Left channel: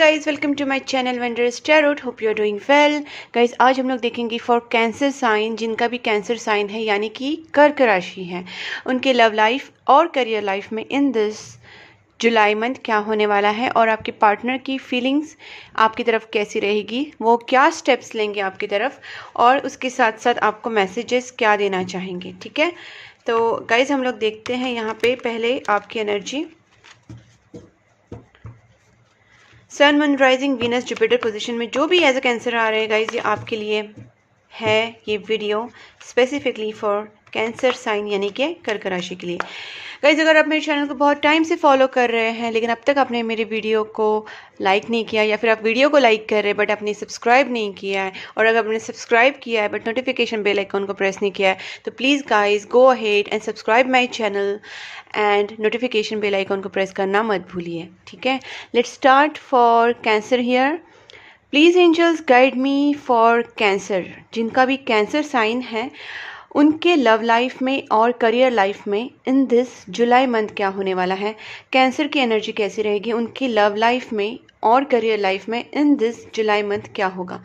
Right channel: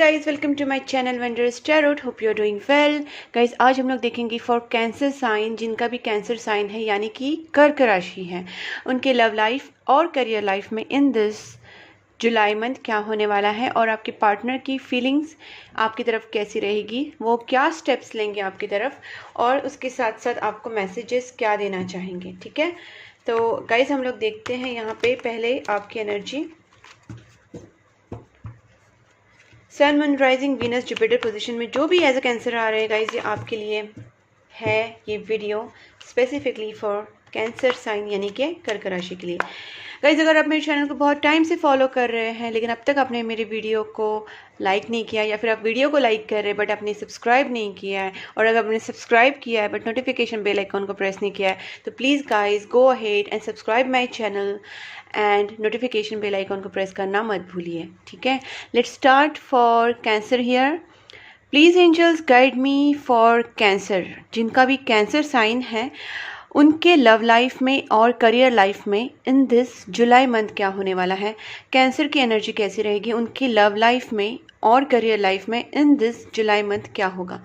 Guys, welcome to my channel wondrous tarot. Hope you are doing well. Guys, आज हम लोग देखेंगे for cancer sign, जिनका भी कैंसर साइन है यानी कि कर्क राशि है, उनके लव लाइफ और करियर लाइफ में इन दिस जुलाई मंथ क्या होने वाला है और आपके पार्टनर की फीलिंग्स आपकी तरफ कैसी रहेगी, वो क्या स्टेप्स लेंगे आपकी तरफ, और उसके साथ साथ आपको मैसेजेस क्या देना चाहेंगे। ठीक है, तो गाइज हम लोग देखते हैं यहाँ पे पहले आपकी energy. Sun, moon, rising, Venus, Jupiter position में जो भी एज अ कैंसर आ रहे हैं गाइज, ये आपके लिए है ये video specifically for cancer sign यानी कि कर्क राशि के लिए। गाइज, अगर आप मेरे चैनल को बहुत टाइम से फॉलो कर रहे हैं लेकिन अब तक आपने मेरे वीडियो को लाइक नहीं किया, या फिर आप वीडियो को लाइक कर रहे हैं बट आपने सब्सक्राइब नहीं किया है, और अगर आपने सब्सक्राइब किया है बट नोटिफिकेशन बेल आइकॉन को प्रेस नहीं किया है, तो please guys go ahead and subscribe my channel and notification bell icon को प्रेस करना मत भूलिए। ठीक है, let's start for cancer here. Please angels guide me for cancer. जिनका भी कैंसर साइन है उनके लव लाइफ में और करियर लाइफ में इन दिस जुलाई मंथ क्या होने वाला है, कैंसर की एनर्जी कैसी रहेगी, उनकी लव लाइफ में और करियर लाइफ में इन दिस जुलाई मंथ क्या होगा।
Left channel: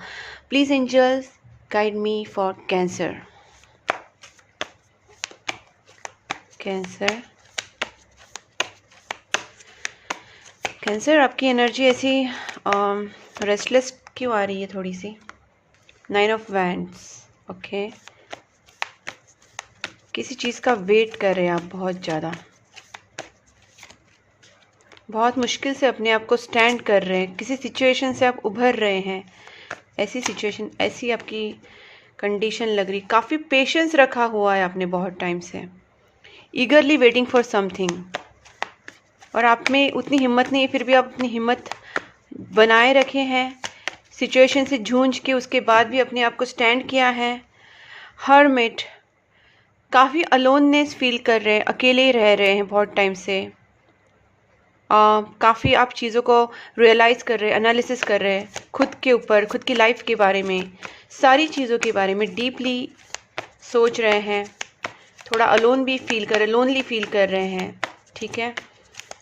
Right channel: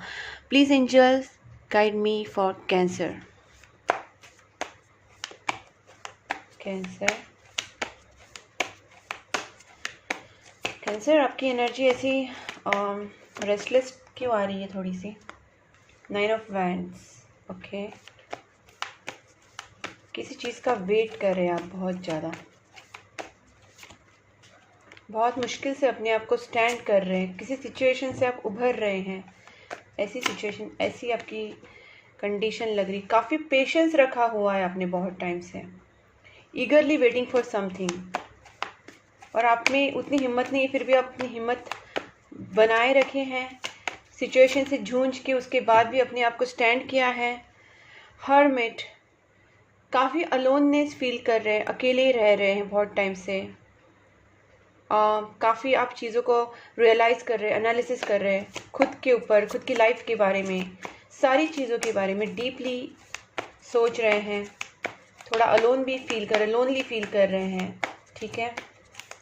Please angels guide me for cancer. Cancer आपकी एनर्जी ऐसी रेस्टलेस क्यों आ रही है थोड़ी सी। 9 ऑफ वैंड्स। ओके, किसी चीज़ का वेट कर रहे हैं आप बहुत ज़्यादा, बहुत मुश्किल से अपने आप को स्टैंड कर रहे हैं, किसी सिचुएशन से आप उभर रहे हैं। ऐसी सिचुएशन, ऐसी आपकी कंडीशन लग रही। काफ़ी पेशेंस रखा हुआ है आपने बहुत टाइम से, ईगरली वेटिंग फॉर समथिंग, और आप में उतनी हिम्मत नहीं है, फिर भी आप अपनी हिम्मत बनाए रखे हैं। सिचुएशन से जूझ के उसके बाद भी अपने आप को स्टैंड किया है। हर्मिट, काफ़ी अलोननेस फील कर रहे हैं, अकेले रह रहे हैं बहुत टाइम से। काफ़ी आप चीज़ों को रियलाइज़ कर रहे हैं, एनालिसिस कर रहे हैं खुद के ऊपर, खुद की लाइफ के बारे में, सारी चीज़ों के बारे में डीपली सोच रहे हैं। थोड़ा अलोन भी फील कर रहे हैं, लोनली फील कर रहे हैं। ठीक है,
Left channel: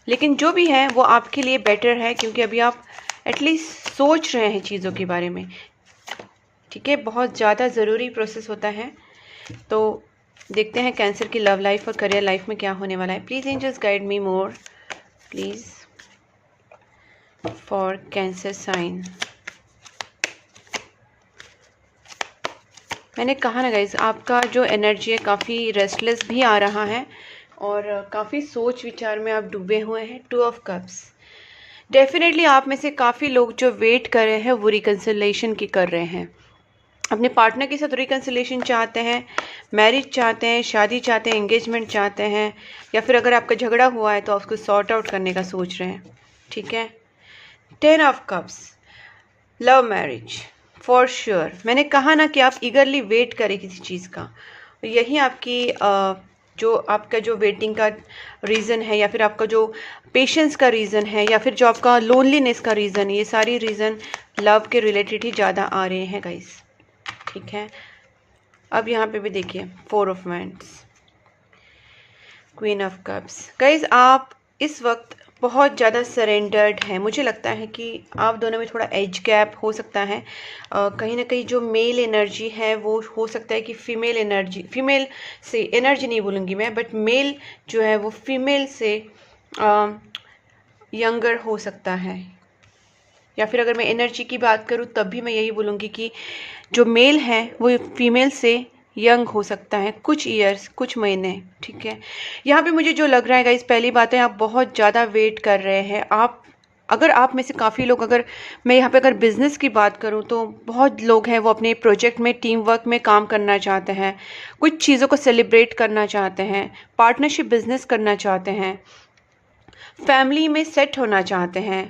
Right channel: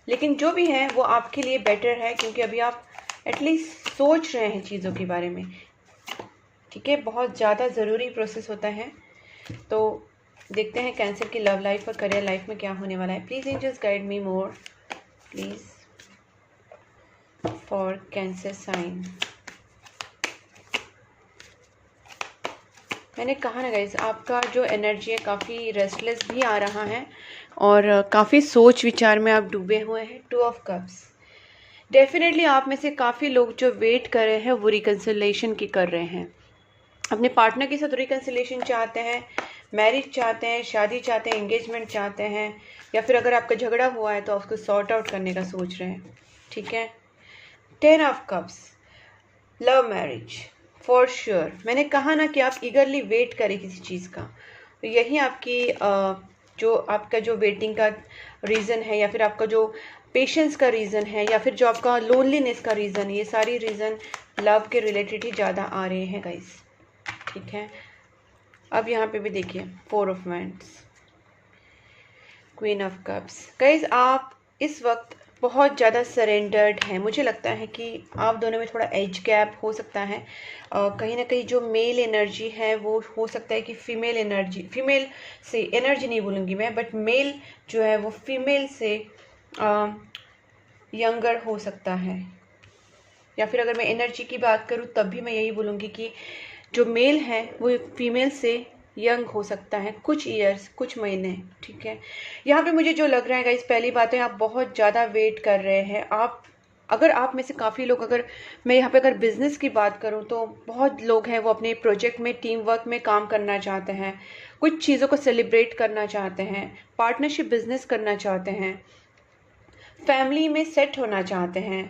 लेकिन जो भी है वो आपके लिए बेटर है, क्योंकि अभी आप एटलीस्ट सोच रहे हैं चीज़ों के बारे में। ठीक है, बहुत ज़्यादा ज़रूरी प्रोसेस होता है। तो देखते हैं कैंसर की लव लाइफ और करियर लाइफ में क्या होने वाला है। Please angels guide me more please for cancer sign. मैंने कहा ना गाइज, आपका जो एनर्जी है काफ़ी रेस्टलेस भी आ रहा है और काफ़ी सोच विचार में आप डूबे हुए हैं। 2 ऑफ कप्स। डेफिनेटली आप में से काफ़ी लोग जो वेट कर रहे हैं वो रिकन्सिलेशन की कर रहे हैं, अपने पार्टनर के साथ रिकन्सिलेशन चाहते हैं, मैरिज चाहते हैं, शादी चाहते हैं, एंगेजमेंट चाहते हैं, या फिर अगर आपका झगड़ा हुआ है तो आप उसको सॉर्ट आउट करने का सोच रहे हैं। ठीक है, 10 of cups, love marriage for sure. मैंने कहा ना कि आप ईगरली वेट करें किसी चीज़ का, यही आपकी जो आपका जो वेटिंग का रीज़न है, या फिर आपका जो पेशेंस का रीज़न है, या फिर जो आपका लोनलीनेस का रीज़न है, ये सारी रीज़न लव के रिलेटेड ही ज़्यादा आ रहे हैं गाइस। ठीक है, अब यहाँ पे भी देखिए 4 of wands, queen of cups. Guys, आप इस वक्त बहुत ज़्यादा सरेंडर्ड हैं। मुझे लगता है कि आप दोनों में थोड़ा एज गैप हो सकता है। कहीं ना कहीं जो मेल एनर्जी है वो हो सकता है कि फीमेल एनर्जी, फीमेल से एनर्जी नहीं बोलूँगी मैं, बट मेल जो है वो फीमेल से यंगर हो सकता है। या फिर अगर मैं एनर्जी की बात करूँ तब भी मैं यही बोलूँगी कि जो मेल है वो फीमेल से यंग हो सकता है, कुछ ईयर्स, कुछ महीने। ठीक है, यहाँ पे मुझे जो लग रहा है गाइस, पहली बात है आप बहुत ज़्यादा वेट कर रहे हैं। अगर आप में से काफ़ी लोग, अगर मैं यहाँ पे अगर बिज़नेस की बात करूँ तो बहुत लोग हैं वो अपने प्रोजेक्ट में टीम वर्क में काम करना चाहते हैं, कुछ चीज़ों को सेलिब्रेट करना चाहते हैं, पार्टनरशिप बिजनेस करना चाहते हैं, फैमिली में सेट होना चाहते हैं।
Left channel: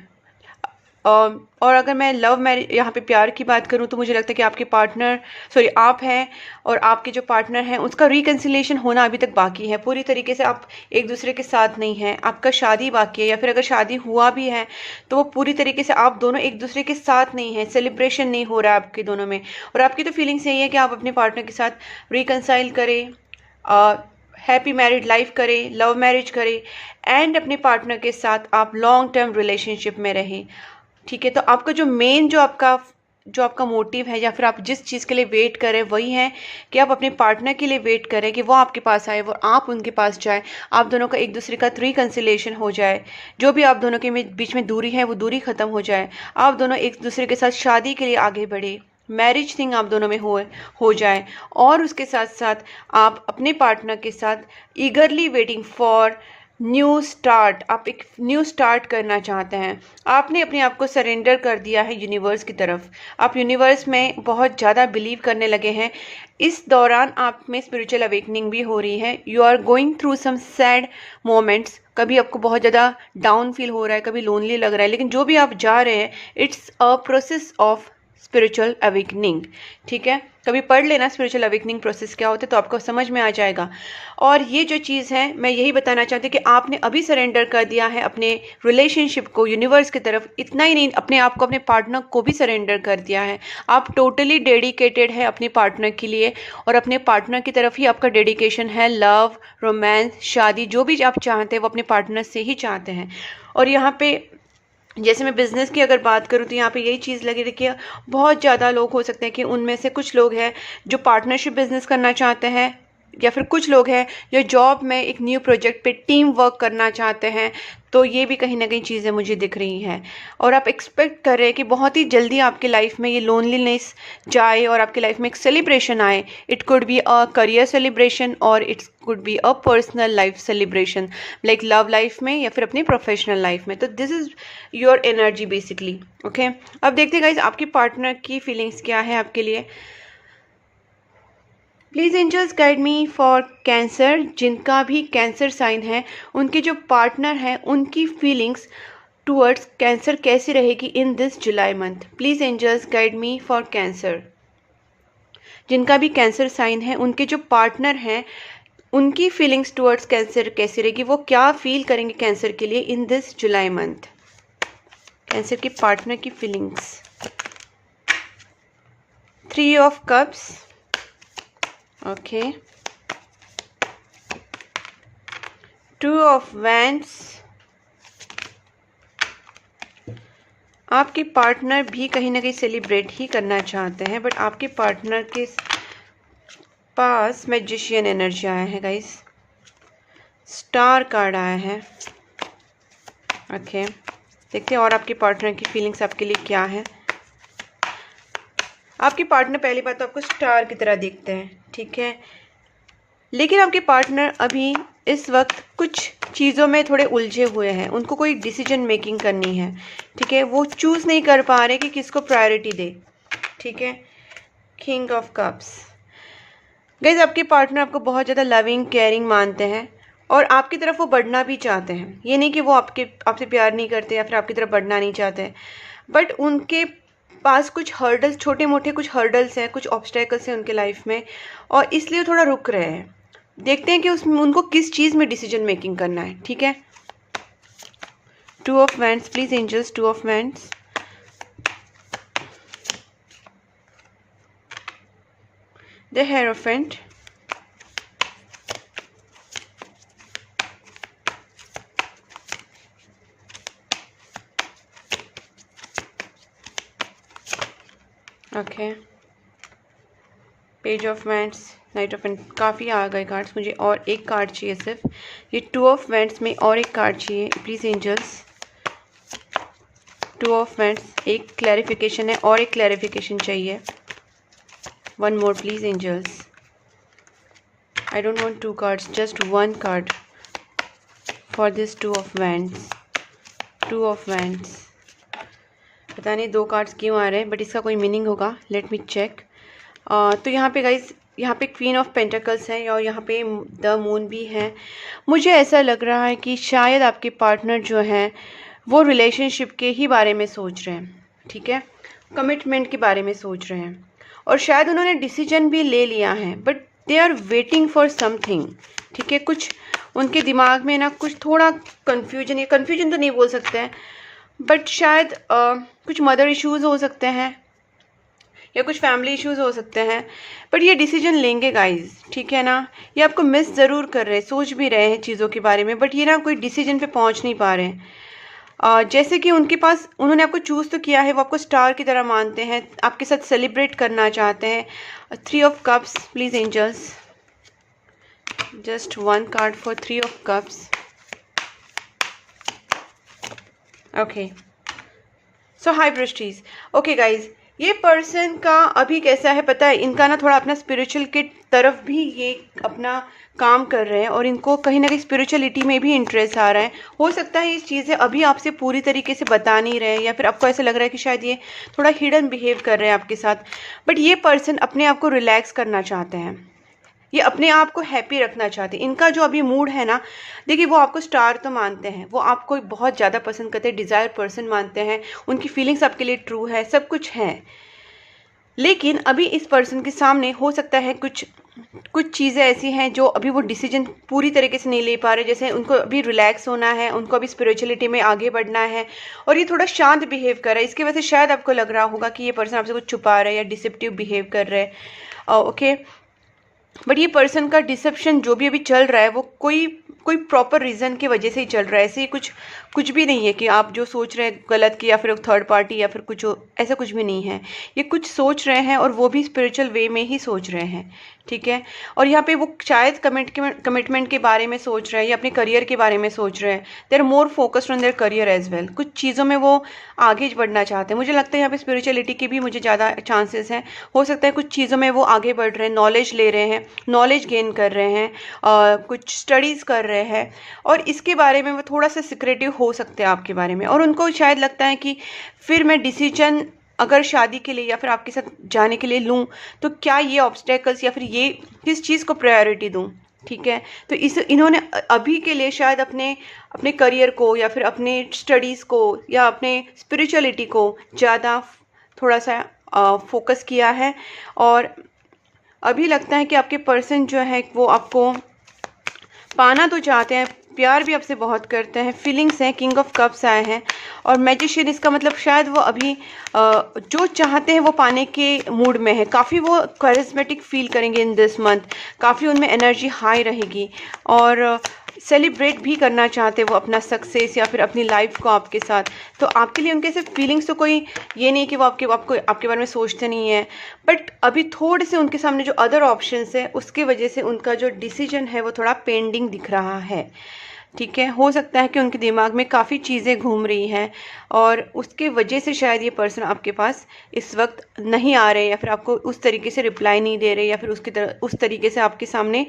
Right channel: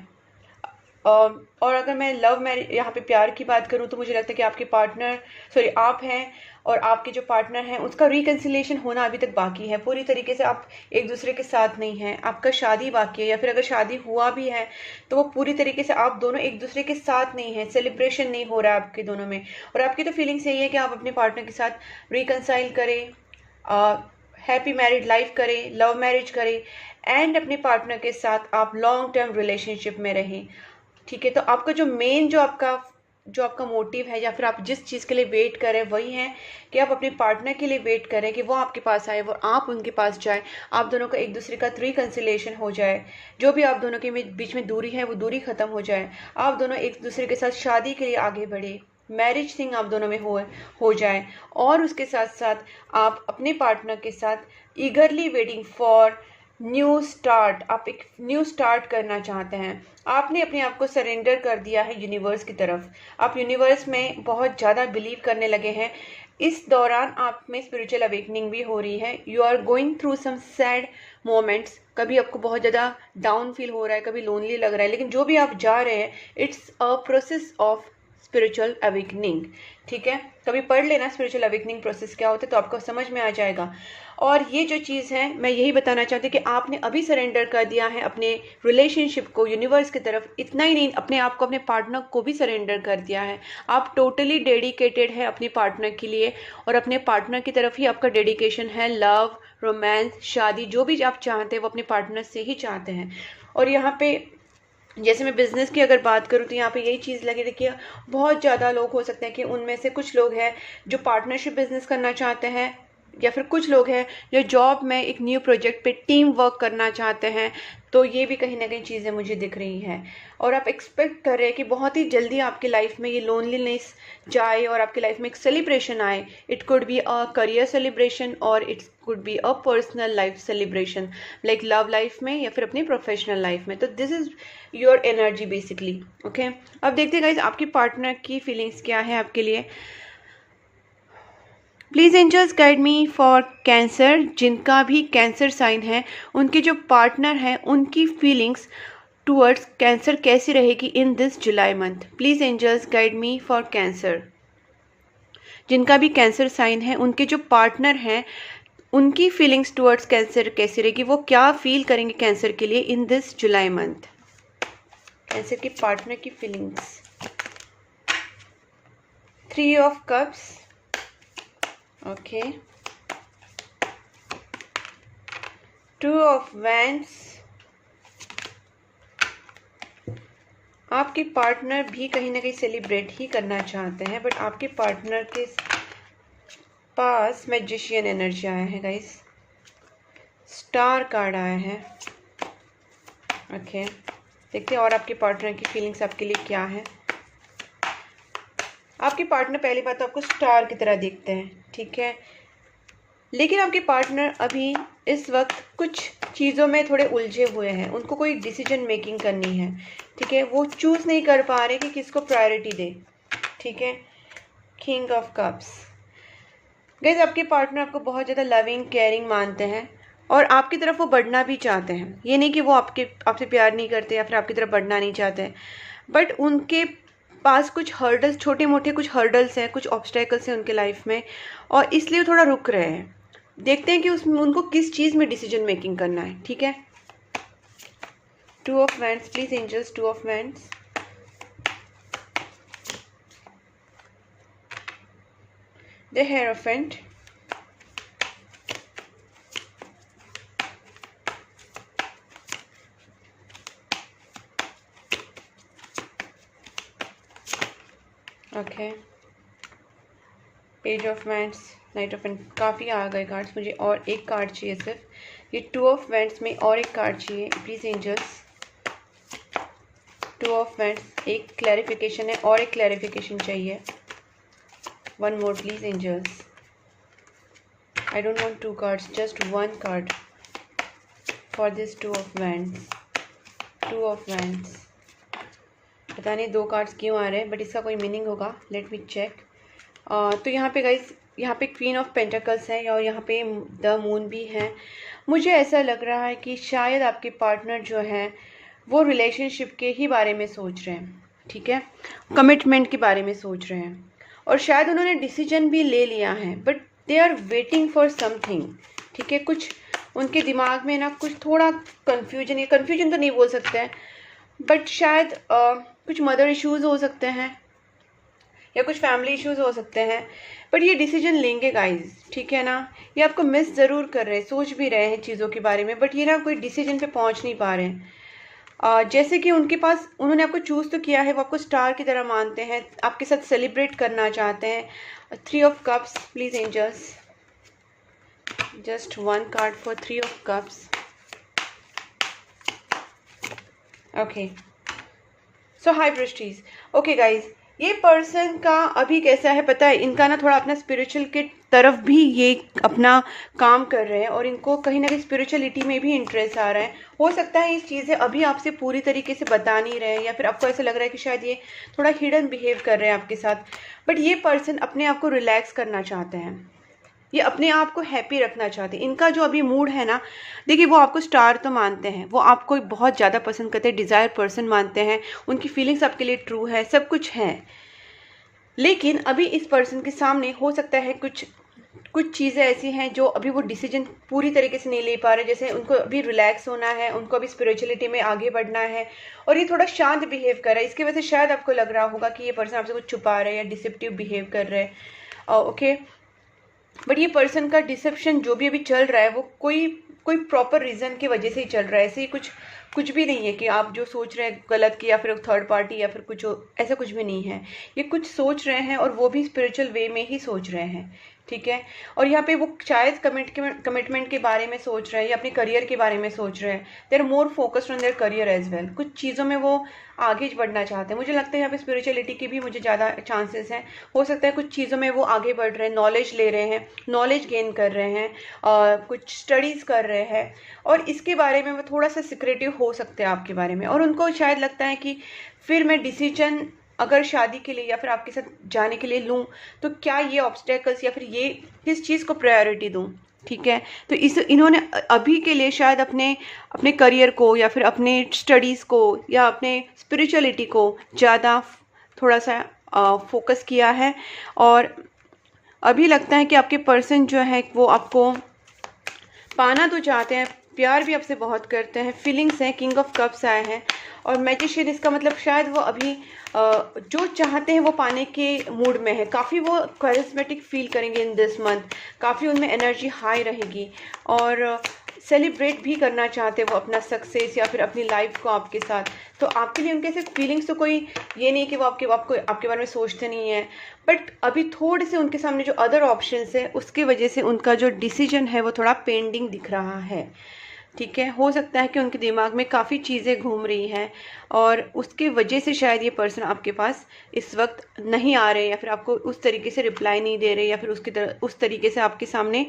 और अगर मैं लव मैरिज, यहाँ पे प्यार की बात करूँ तो मुझे लगता है कि आपके पार्टनर, सॉरी आप हैं और आपके जो पार्टनर हैं उसका रिकन्सिलेशन होना अभी तक बाकी है। पूरी तरीके से आप एक दूसरे के साथ नहीं हैं, आपका शादी बाकी है, या फिर अगर शादी हुआ भी है तो वो पूरी तरीके से आप दोनों एक दूसरे के साथ नहीं हैं, सेलिब्रेशन नहीं हो रहा है आपके दोनों में। और आपकी तो फीलिंग्स यही है कि आप अपने पार्टनर के साथ रिकन्साइल करें, हैप्पी मैरिड लाइफ करें, लव मैरिज करें, एंड अपने पार्टनर के साथ आप लॉन्ग टर्म रिलेशनशिप में रहें। ठीक है। तो आपका जो मेन जो आपका मोटिव है, या फिर आप जिस चीज़ के लिए वेट करें, वही है कि आप अपने पार्टनर के लिए वेट करें कि वो आपके पास आए, वो आप उनके पास जाए, आप दोनों का एक दूसरे का रिकंसिलिएशन हो जाए, जो भी आप दोनों के बीच में दूरी है वो दूरी ख़त्म हो जाए, आप दोनों एक दूसरे के साथ शादी के लिए आगे बढ़े, मैरिज थिंग आप दोनों में हो जाए, और उसके साथ साथ आप अपने पार्टनर के साथ ईगरली वेटिंग फॉर न्यू स्टार्ट, आप एक न्यू स्टार्ट करना चाहते हैं। आपने अपने आप को सरेंडर कर दिया है यूनिवर्स की तरफ, आप यूनिवर्स में बहुत ज़्यादा बिलीव करने लगे हैं। इस दौरान आप में स्पिरिचुअल अवेकनिंग भी हो रही है। You are going through some sad moments, कभी आपको बहुत ज़्यादा डाउन फील हो रहा है, कभी लोनली लग रहा है, लेकिन जो भी आप जा रहे हैं, it's a process of spiritual awakening. ठीक है, कभी पढ़ लेना स्पिरिचुअल अवेकनिंग प्रोसेस क्या होता है, तो आपको समझ में आ जाएगा। और ये जो चीज़ है, मैं यही बताना चाहती हूँ कि आपने अभी सरेंडर कर दिया है अपने रिलेशनशिप को यूनिवर्स की तरफ। इतना ही नहीं, अपने आप को, अपने पार्टनर को भी सरेंडर कर दिया है। आप टोटली डेडिकेटेड है अपने पार्टनर के लिए, और अपने पार्टनर की तरफ ही आपका डेडिकेशन है। लव, रोमांस, शादी, जो भी आप चाहते हैं वो अपने पार्टनर से ही चाहते हैं। और यहाँ पे जैसे मैं बिज़नेस की अगर बात करूँ, तो यहाँ पे यही चीज़ लगी रखी है। बहुत ज़्यादा लोग हो सकते हैं कि उनमें से कुछ लोग हैं जो पार्टनरशिप बिज़नेस करना चाहते हैं, या फिर कुछ लोग हैं जो जॉब में एक न्यू प्रोजेक्ट पे टीम वर्क करना चाहते हैं। तो ये भी कहीं ना कहीं चीज़ें मुझे दिख रही हैं, और आप एक्सपेक्ट कर रहे हैं कि बहुत ही जल्दी आपकी लाइफ में ये लोनलीनेस जाए और आपकी लाइफ में एक सेलिब्रेशन आए। It could be a career celebration, और it's could be a personal life celebration, like love life में या फिर अपनी प्रोफेशनल लाइफ में। तो this is your energy basically. Okay, अब देखते हैं गाइस आपकी पार्टनर की फीलिंग्स क्या है आपके लिए। Please angels guide me for cancer. जिनका भी कैंसर साइन है, उनके जो पार्टनर हैं, उनकी फीलिंग्स टूवर्ड्स कैंसर कैसी रहेगी in this July month. Please angels guide me for cancer. जिनका भी कैंसर साइन है, उनके जो पार्टनर हैं, उनकी फीलिंग्स टूवर्ड्स कैंसर कैसी रहेगी, वो क्या फील करेंगे कैंसर के लिए इन दिस जुलाई मंथ। कैंसर के पार्टनर की feelings. 3 of cups, okay, 2 of wands. आपके पार्टनर भी कहीं ना कहीं सेलिब्रेट ही करना चाहते हैं, बट आपके पार्टनर के पास मैजिशियन एनर्जी आया है गाइस, स्टार कार्ड आया है। ओके, देखते हैं और आपके पार्टनर की फीलिंग्स आपके लिए क्या है। आपके पार्टनर पहली बात तो आपको स्टार की तरह दिखते हैं, ठीक है, लेकिन आपके पार्टनर अभी इस वक्त कुछ चीज़ों में थोड़े उलझे हुए हैं। उनको कोई डिसीजन मेकिंग करनी है, ठीक है, वो चूज़ नहीं कर पा रहे कि किसको प्रायोरिटी दे। ठीक है, किंग ऑफ कप्स। गाइस आपके पार्टनर आपको बहुत ज़्यादा लविंग केयरिंग मानते हैं, और आपकी तरफ वो बढ़ना भी चाहते हैं। ये नहीं कि वो आपसे प्यार नहीं करते या फिर आपकी तरफ बढ़ना नहीं चाहते, बट उनके पास कुछ हर्डल्स, छोटे मोटे कुछ हर्डल्स हैं, कुछ ऑब्स्टेकल्स हैं उनके लाइफ में, और इसलिए वो थोड़ा रुक रहे हैं। देखते हैं कि उसमें उनको किस चीज़ में डिसीजन मेकिंग करना है। ठीक है, 2 of wands, please angels, 2 of wands. The hierophant, okay, page of wands, knight of wands. काफ़ी आ गए कार्ड्स, मुझे और एक कार्ड चाहिए सिर्फ। ये 2 ऑफ वैंड्स में और एक कार्ड चाहिए प्लीज़ एंजल्स। 2 ऑफ वैंड्स, एक क्लैरिफिकेशन है और एक क्लैरिफिकेशन चाहिए। 1 more please angels. I don't want 2 cards, just 1 card for this 2 of wands. 2 of wands, पता नहीं 2 कार्ड्स क्यों आ रहे हैं, बट इसका कोई मीनिंग होगा। Let me check. तो यहाँ पे गाइस, यहाँ पे क्वीन ऑफ पेंटिकल्स है और यहाँ पे द मून भी है। मुझे ऐसा लग रहा है कि शायद आपके पार्टनर जो हैं वो रिलेशनशिप के ही बारे में सोच रहे हैं, ठीक है, कमिटमेंट के बारे में सोच रहे हैं, और शायद उन्होंने डिसीजन भी ले लिया है, but they are waiting for something. ठीक है, कुछ उनके दिमाग में ना कुछ थोड़ा कन्फ्यूजन, या कन्फ्यूजन तो नहीं बोल सकते हैं, बट शायद कुछ मदर इश्यूज़ हो सकते हैं या कुछ फैमिली इश्यूज़ हो सकते हैं, बट ये डिसीजन लेंगे गाइस। ठीक है ना, ये आपको मिस ज़रूर कर रहे हैं, सोच भी रहे हैं चीज़ों के बारे में, बट ये ना कोई डिसीजन पे पहुंच नहीं पा रहे हैं। जैसे कि उनके पास, उन्होंने आपको चूज़ तो किया है, वो आपको स्टार की तरह मानते हैं, आपके साथ सेलिब्रेट करना चाहते हैं। 3 of cups, please angels, just 1 card for 3 of cups. Okay, so high priestess. Okay guys, ये पर्सन का अभी कैसा है पता है, इनका ना थोड़ा अपना स्पिरिचुअल के तरफ भी ये अपना काम कर रहे हैं और इनको कहीं ना कहीं स्पिरिचुअलिटी में भी इंटरेस्ट आ रहा है। हो सकता है ये चीज़ें अभी आपसे पूरी तरीके से बता नहीं रहे हैं, या फिर आपको ऐसा लग रहा है कि शायद ये थोड़ा हिडन बिहेव कर रहे हैं आपके साथ। बट ये पर्सन अपने आप को रिलैक्स करना चाहते हैं, ये अपने आप को हैप्पी रखना चाहते हैं। इनका जो अभी मूड है ना, देखिए वो आपको स्टार तो मानते हैं, वो आपको बहुत ज़्यादा पसंद करते हैं, डिज़ायर पर्सन मानते हैं, उनकी फीलिंग्स आपके लिए ट्रू है, सब कुछ है। लेकिन अभी इस पर्सन के सामने हो सकता है कुछ चीज़ें ऐसी हैं जो अभी वो डिसीजन पूरी तरीके से नहीं ले पा रहे। जैसे उनको अभी रिलैक्स होना है, उनको अभी स्पिरिचुअलिटी में आगे बढ़ना है, और ये थोड़ा शांत बिहेव कर रहा है। इसकी वजह से शायद आपको लग रहा होगा कि ये पर्सन आपसे कुछ छुपा रहा है या डिसेप्टिव बिहेव कर रहे हैं। ओके, बट ये पर्सन का डिसेप्शन जो भी अभी चल रहा है वो कोई प्रॉपर रीज़न की वजह से ही चल रहा है। ऐसे ही कुछ भी नहीं है कि आप जो सोच रहे हैं गलत की, या फिर थर्ड पार्टी, या फिर कुछ ऐसा कुछ भी नहीं है। ये कुछ सोच रहे हैं और वो भी स्पिरिचुअल वे में ही सोच रहे हैं, ठीक है। और यहाँ पे वो शायद कमिटमेंट के बारे में सोच रहे हैं या अपने करियर के बारे में सोच रहे हैं। They are more focused on their career as well. कुछ चीज़ों में वो आगे बढ़ना चाहते हैं। मुझे लगता है यहाँ पे स्पिरिचुअलिटी के भी मुझे ज़्यादा चांसेस हैं। हो सकता है कुछ चीज़ों में वो आगे बढ़ रहे हैं, नॉलेज ले रहे हैं, नॉलेज गेन कर रहे हैं, कुछ स्टडीज़ कर रहे हैं, और इसके बारे में वो थोड़ा सा सिक्रेटिव हो सकते हैं आपके बारे में। और उनको शायद लगता है कि फिर मैं डिसीजन अगर शादी के लिए या फिर आपके साथ जाने के लिए लूँ तो क्या ये ऑब्स्टेकल्स या फिर ये किस चीज़ को प्रायोरिटी दूँ, ठीक है। तो इन्होंने अभी के लिए शायद अपने करियर को या फिर अपने स्टडीज़ को या अपने स्पिरिचुअलिटी को ज़्यादा थोड़ा सा फोकस किया है। और अभी लगता है कि आपके पर्सन जो है वो आपको पाना तो चाहते हैं, प्यार भी आपसे बहुत करते हैं, फीलिंग्स हैं, किंग ऑफ कप्स आए हैं और मैजिशियन। इसका मतलब शायद वो अभी जो चाहते हैं वो पाने के मूड में है। काफ़ी वो करिस्मेटिक फील करेंगे इन दिस मंथ, काफ़ी उनमें एनर्जी हाई रहेगी और सेलिब्रेट भी करना चाहते हैं वो अपना सक्सेस या फिर अपनी लाइफ को आपके साथ। तो आपके लिए उनके सिर्फ फीलिंग्स तो कोई ये नहीं कि वो आपके बारे में सोचते नहीं है, बट अभी थोड़े से उनके सामने जो अदर ऑप्शंस है उसकी वजह से उनका जो डिसीजन है वो थोड़ा पेंडिंग दिख रहा है, ठीक है। हो सकता है कि उनके दिमाग में काफ़ी चीज़ें घूम रही हैं और उसके वजह से शायद ये पर्सन आपके पास इस वक्त नहीं आ रहे, या फिर आपको उस तरीके से रिप्लाई नहीं दे रहे, या फिर उस तरीके से आपके सामने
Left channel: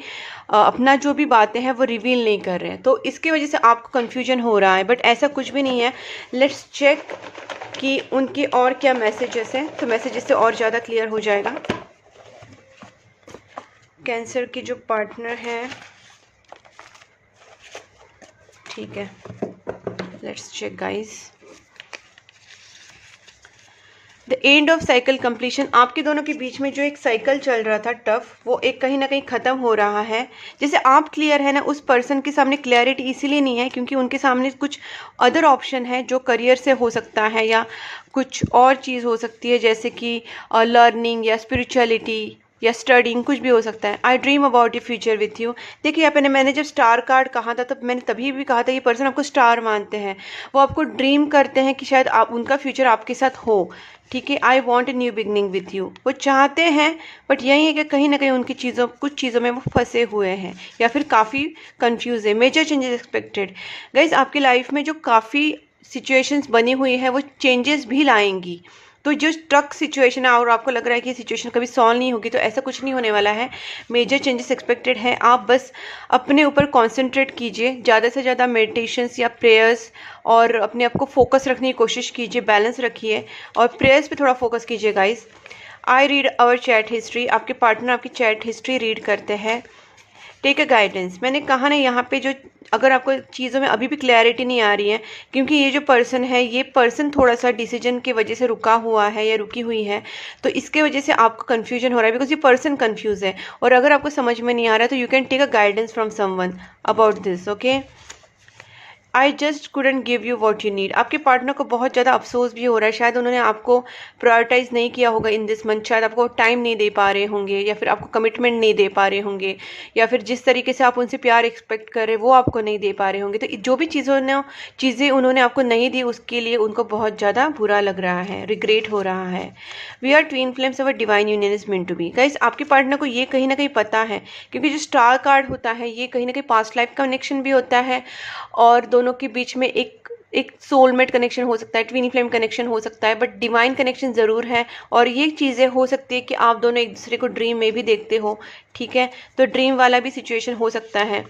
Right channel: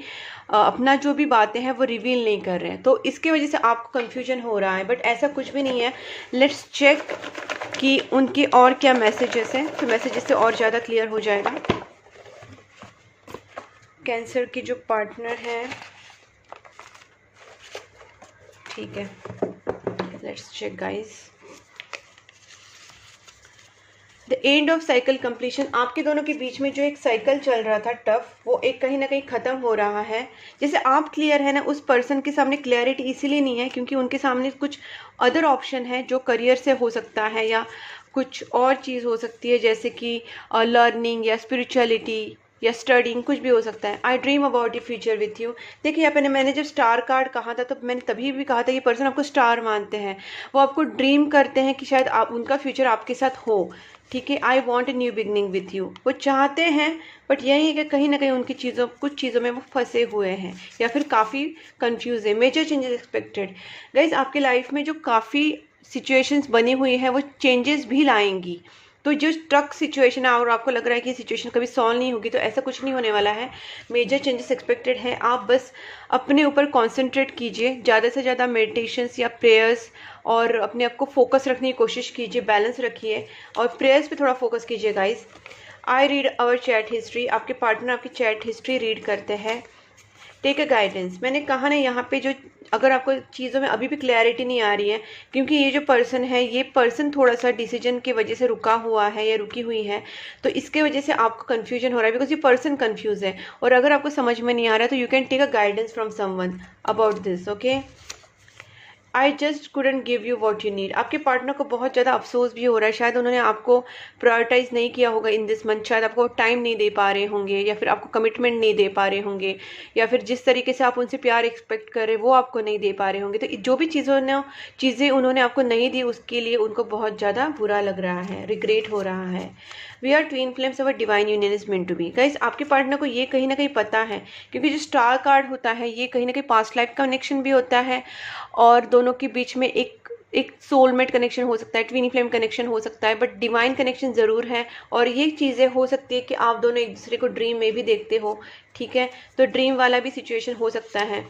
अपना जो भी बातें हैं वो रिवील नहीं कर रहे हैं। तो इसके वजह से आपको कन्फ्यूजन हो रहा है, बट ऐसा कुछ भी नहीं है। लेट्स चेक कि उनके और क्या मैसेजेस हैं, तो मैसेजेस से और ज़्यादा क्लियर हो जाएगा। कैंसर की जो पार्टनर है, ठीक है, let's check guys. The end of cycle completion. आपके दोनों के बीच में जो एक साइकिल चल रहा था टफ, वो एक कहीं ना कहीं ख़त्म हो रहा है। जैसे आप क्लियर है ना, उस पर्सन के सामने क्लैरिटी इसीलिए नहीं है क्योंकि उनके सामने कुछ अदर ऑप्शन है जो करियर से हो सकता है या कुछ और चीज़ हो सकती है, जैसे कि लर्निंग या स्पिरिचुअलिटी या स्टडिंग, कुछ भी हो सकता है। आई dream about your future with you. देखिए यहाँ पे मैंने जब स्टार कार्ड कहा था तब मैंने तभी भी कहा था ये पर्सन आपको स्टार मानते हैं, वो आपको ड्रीम करते हैं कि शायद आप उनका फ्यूचर आपके साथ हो, ठीक है। I want a new beginning with you, वो चाहते हैं, बट यही है कि कहीं ना कहीं उनकी कुछ चीज़ों में वो फंसे हुए हैं या फिर काफ़ी कंफ्यूज है। Major changes expected. गाइज आपकी लाइफ में जो काफ़ी सिचुएशंस बनी हुई है वो चेंजेस भी लाएंगी। तो जो स्ट्रक सिचुएशन है और आपको लग रहा है कि सिचुएशन कभी सॉल्व नहीं होगी, तो ऐसा कुछ नहीं होने वाला है। मेजर चेंजेस एक्सपेक्टेड है। आप बस अपने ऊपर कॉन्सेंट्रेट कीजिए, ज़्यादा से ज़्यादा मेडिटेशंस या प्रेयर्स, और अपने आप को फोकस रखने की कोशिश कीजिए, बैलेंस रखिए और प्रेयर्स पे थोड़ा फोकस कीजिए guys. I read our chat history. आपके पार्टनर आपकी चैट हिस्ट्री रीड करते हैं। Take a guidance. मैंने कहा ना यहाँ पे जो अगर आपको चीज़ों में अभी भी क्लैरिटी नहीं आ रही है, क्योंकि ये जो पर्सन है ये पर्सन थोड़ा सा डिसीजन की वजह से रुका हुआ है या रुकी हुई है, तो इसके वजह से आपको कन्फ्यूजन हो रहा है बिकॉज ये पर्सन कन्फ्यूज है। और अगर आपको समझ में नहीं आ रहा है तो you can take a guidance from someone about this, okay. I just couldn't give you what you need. आपके पार्टनर को बहुत ज़्यादा अफसोस भी हो रहा है, शायद उन्होंने आपको प्रायोरिटाइज नहीं किया होगा इन दिस मंथ, शायद आपको टाइम नहीं दे पा रहे होंगे, या फिर आपको कमिटमेंट नहीं दे पा रहे होंगे, या फिर जिस तरीके से आप उनसे प्यार एक्सपेक्ट कर रहे वो आपको नहीं दे पा रहे होंगे। तो जो भी चीज़ें उन्होंने आपको नहीं दी उसके लिए उनको बहुत ज़्यादा बुरा लग रहा है, रिग्रेट हो रहा है। We are twin flames, our divine union is meant to be. Guys, आपके पार्टनर को ये कहीं ना कहीं पता है, क्योंकि जो स्टार कार्ड होता है ये कहीं ना कहीं पास्ट लाइफ कनेक्शन भी होता है, और दोनों के बीच में एक सोलमेट कनेक्शन हो सकता है, ट्विन फ्लेम कनेक्शन हो सकता है, बट डिवाइन कनेक्शन ज़रूर है। और ये चीज़ें हो सकती है कि आप दोनों एक दूसरे को ड्रीम में भी देखते हो, ठीक है, तो ड्रीम वाला भी सिचुएशन हो सकता है।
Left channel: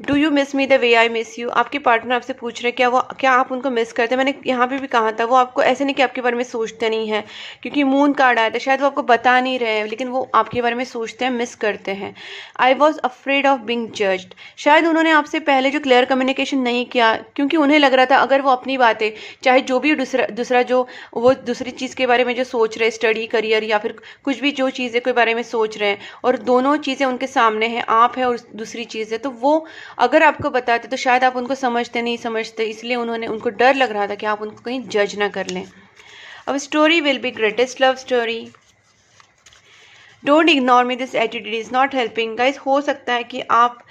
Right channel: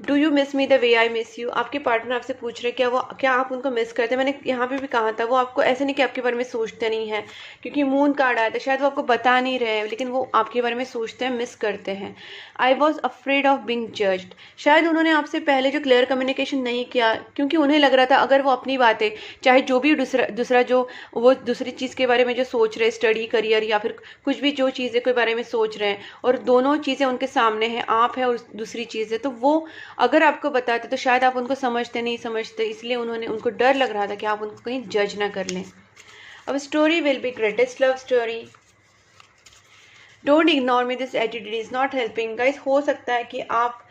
Do you miss me the way I miss you. आपके पार्टनर आपसे पूछ रहे हैं क्या आप उनको मिस करते हैं। मैंने यहाँ पे भी कहा था वो आपको ऐसे नहीं कि आपके बारे में सोचते नहीं है, क्योंकि मून कार्ड आया था, शायद वो आपको बता नहीं रहे हैं, लेकिन वो आपके बारे में सोचते हैं, मिस करते हैं। I was afraid of being judged. शायद उन्होंने आपसे पहले जो क्लियर कम्युनिकेशन नहीं किया, क्योंकि उन्हें लग रहा था अगर वो अपनी बातें, चाहे जो भी दूसरा जो वो दूसरी चीज़ के बारे में जो सोच रहे, स्टडी, करियर, या फिर कुछ भी जो चीज़ें के बारे में सोच रहे हैं, और दोनों चीज़ें उनके सामने हैं, आप है और दूसरी चीज़ है, तो वो अगर आपको बताते तो शायद आप उनको नहीं समझते, इसलिए उनको डर लग रहा था कि आप उनको कहीं जज ना कर लें। अब story will be greatest love story. Don't ignore me, this attitude is not helping. Guys, हो सकता है कि आप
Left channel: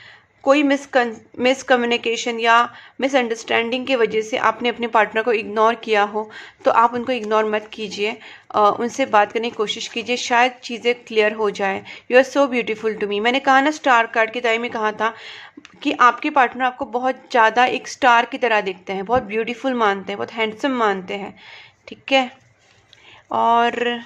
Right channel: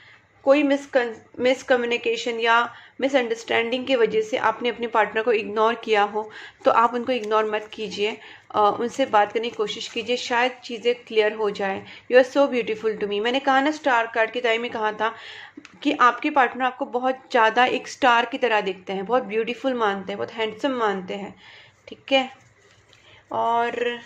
कोई मिसकम्युनिकेशन या मिसअंडरस्टैंडिंग की वजह से आपने अपने पार्टनर को इग्नोर किया हो, तो आप उनको इग्नोर मत कीजिए, उनसे बात करने की कोशिश कीजिए, शायद चीज़ें क्लियर हो जाए। You are so beautiful to me. मैंने कहा ना, स्टार कार्ड के टाइम में कहा था कि आपके पार्टनर आपको बहुत ज़्यादा एक स्टार की तरह देखते हैं, बहुत ब्यूटीफुल मानते हैं, बहुत हैंडसम मानते हैं, ठीक है। और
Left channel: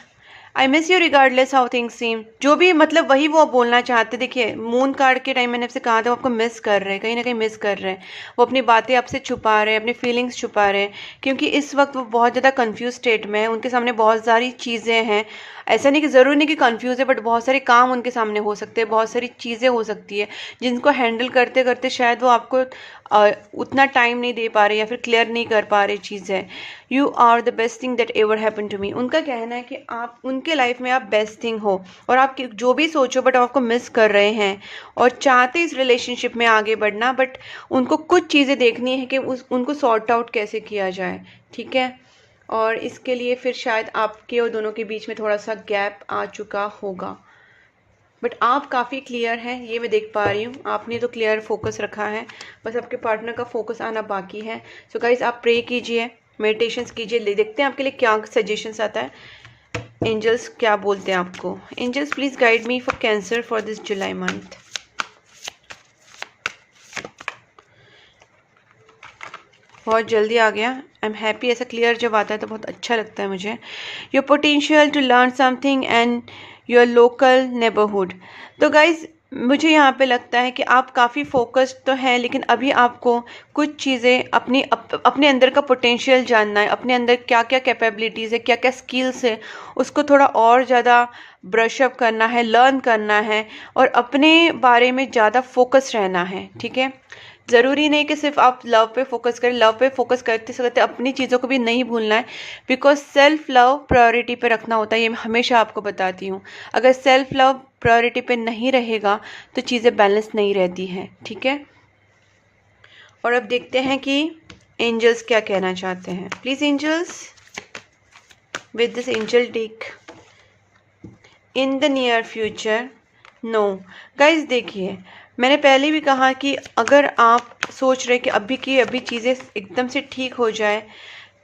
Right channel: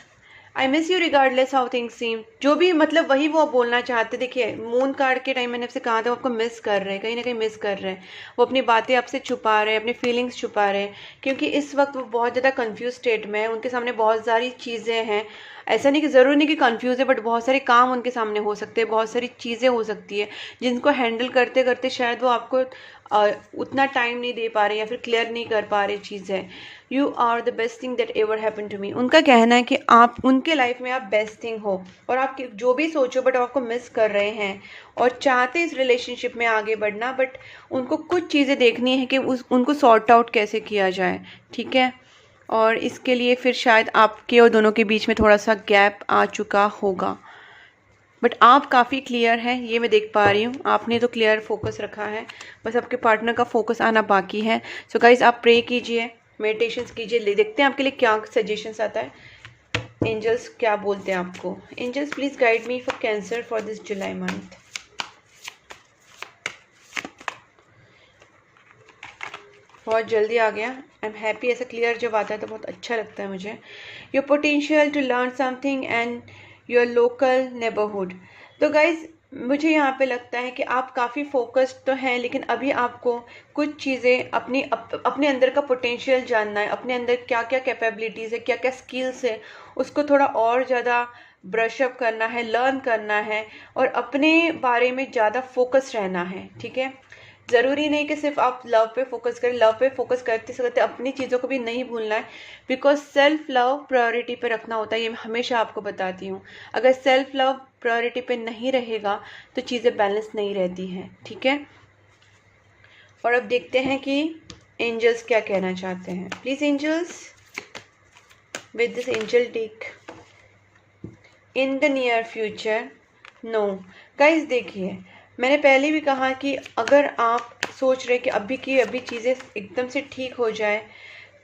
I miss you regardless how things सीम, जो भी मतलब वही वो बोलना चाहते। देखिए, मून कार्ड के टाइम मैंने आपसे कहा था वो आपको मिस कर रहे हैं, कहीं ना कहीं मिस कर रहे हैं, वो अपनी बातें आपसे छुपा रहे हैं, अपनी फीलिंग्स छुपा रहे हैं, क्योंकि इस वक्त वो बहुत ज़्यादा कंफ्यूज स्टेट में है, उनके सामने बहुत सारी चीज़ें हैं। ऐसा नहीं कि ज़रूरी नहीं कि कंफ्यूज है, बट बहुत सारे काम उनके सामने हो सकते हैं, बहुत सारी चीज़ें हो सकती है जिनको हैंडल करते करते शायद वो आपको उतना टाइम नहीं दे पा रहे, या फिर क्लियर नहीं कर पा रहे चीज़ें। You are the best thing that ever happen to me. उनका कहना है कि आप उनके लाइफ में आप बेस्ट थिंग हो, और आप जो भी सोचो बट आपको मिस कर रहे हैं, और चाहते इस रिलेशनशिप में आगे बढ़ना, बट उनको कुछ चीज़ें देखनी है कि उनको सॉर्ट आउट कैसे किया जाए, ठीक है। और इसके लिए फिर शायद आपके और दोनों के बीच में थोड़ा सा गैप आ चुका होगा, बट आप काफ़ी क्लियर हैं, ये मैं देख पा रही हूँ। आपने तो क्लियर फोकस रखा है, बस आपके पार्टनर का फोकस आना बाकी है। सो गाइस, आप प्रे कीजिए, मेडिटेशंस कीजिए, देखते हैं आपके लिए क्या सजेशंस आता है, एंजल्स क्या बोलते हैं आपको। Angels, please guide me for cancer for this July month. बहुत जल्दी आ गया, आई एम हैप्पी। ऐसा क्लियर जब आता है तो बहुत अच्छा लगता है मुझे। Your potential to learn something and your local neighbourhood. तो गाइज, मुझे यहाँ पे लगता है कि आप काफ़ी फोकस्ड तो हैं, लेकिन अभी आपको कुछ चीज़ें अपने अंदर का पोटेंशियल जानना है, अपने अंदर क्या क्या कैपेबिलिटीज़ है, क्या क्या स्किल्स है, उसको थोड़ा और ज़्यादा ब्रश अप करना है, लर्न करना है, और अपने बारे में ज़्यादा फोकस रहना है, ठीक है। ज़रूरी नहीं कि सिर्फ आप लव पे फोकस करें, लव पे फोकस करते करते अपनी चीज़ों को भी नहीं भूलना है, बिकॉज सेल्फ लव प्रायोरिटी पे रखना होता है, ये मैं हमेशा आपको बताती हूँ। अगर सेल्फ लव प्रायोरिटी पे नहीं रहेगा तो चीज़ें बैलेंस नहीं रहती हैं, ठीक है। और अब देखते हैं कि एंजल्स क्या कहना चाहते हैं। Please angels, with this angel deck, in the near future, no. Guys, देखिए, मैंने पहले भी कहा कि अगर आप सोच रहे कि अभी चीज़ें एकदम से ठीक हो जाए,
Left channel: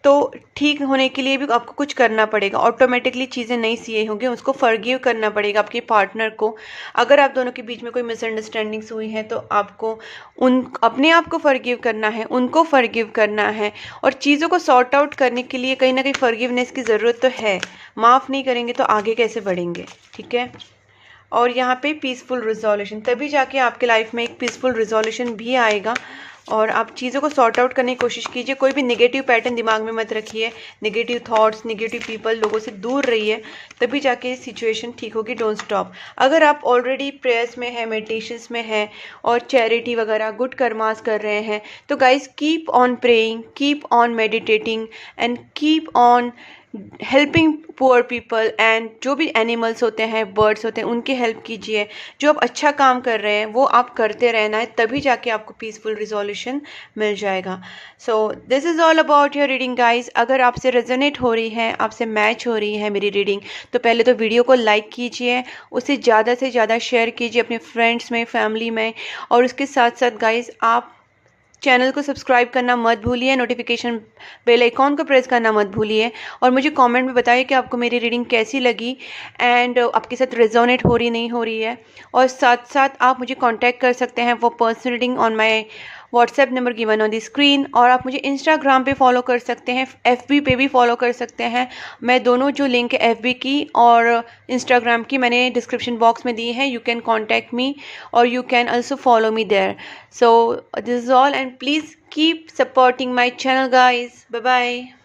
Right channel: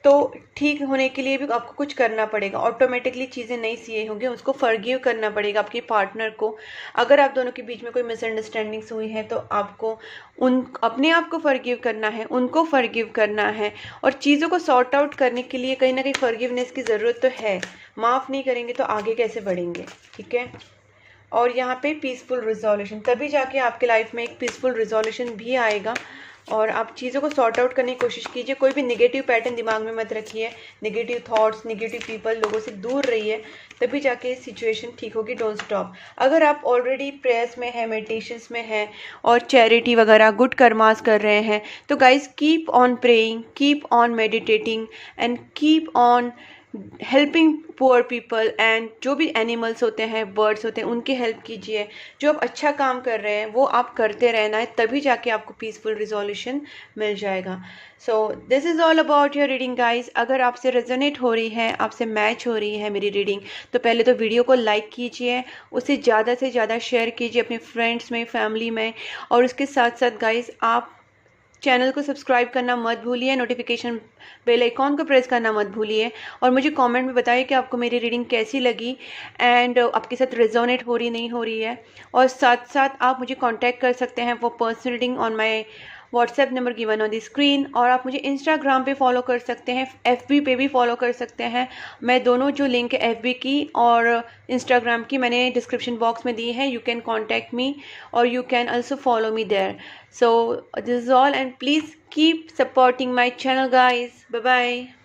तो ठीक होने के लिए भी आपको कुछ करना पड़ेगा, ऑटोमेटिकली चीज़ें नहीं सही होंगी, उसको फॉरगिव करना पड़ेगा आपके पार्टनर को। अगर आप दोनों के बीच में कोई मिसअंडरस्टैंडिंग्स हुई हैं, तो आपको अपने आप को फॉरगिव करना है, उनको फॉरगिव करना है, और चीज़ों को सॉर्ट आउट करने के लिए कहीं ना कहीं फॉरगिवनेस की ज़रूरत तो है। माफ़ नहीं करेंगे तो आगे कैसे बढ़ेंगे, ठीक है। और यहाँ पे पीसफुल रिजोल्यूशन, तभी जाके आपके लाइफ में एक पीसफुल रिजोल्यूशन भी आएगा, और आप चीज़ों को सॉर्ट आउट करने की कोशिश कीजिए। कोई भी नेगेटिव पैटर्न दिमाग में मत रखिए, नेगेटिव थॉट्स, नेगेटिव पीपल, लोगों से दूर रहिए, तभी जाके सिचुएशन ठीक होगी। Don't stop. अगर आप ऑलरेडी प्रेयर्स में है, मेडिटेशंस में है, और चैरिटी वगैरह गुड कर्मास कर रहे हैं, तो guys keep on praying, keep on meditating, and keep on helping poor people and जो भी एनिमल्स होते हैं, बर्ड्स होते हैं, उनकी हेल्प कीजिए। जो आप अच्छा काम कर रहे हैं वो आप करते रहना है, तभी जाके आपको पीसफुल रिजोल्यूशन मिल जाएगा। So this is all about your reading guys. अगर आपसे रेजोनेट हो रही है, आपसे मैच हो रही है मेरी रीडिंग, तो पहले तो वीडियो को लाइक कीजिए, उसे ज़्यादा से ज़्यादा शेयर कीजिए अपने फ्रेंड्स में, फैमिली में। और उसके साथ साथ गाइज आप चैनल को सब्सक्राइब करना मत भूलिए, नोटिफिकेशन बेल आइकॉन को प्रेस करना मत भूलिए। और मुझे कमेंट में बताइए कि आपको मेरी रीडिंग कैसी लगी एंड आपके साथ रेजोनेट हो रही नहीं हो रही है। और साथ साथ आप मुझे कांटेक्ट कर सकते हैं for personal reading on my WhatsApp number given on the screen. और आप मुझे इंस्टाग्राम पे फॉलो कर सकते हैं, एफबी पे भी फॉलो कर सकते हैं। मैं दोनों जो लिंक है एफबी की और इंस्टाग्राम की मैंने डिस्क्रिप्शन बॉक्स में दी है। यू कैन कॉन्टैक्ट मी और you can also follow me there. So this is all, and please keep supporting my channel guys. Bye bye.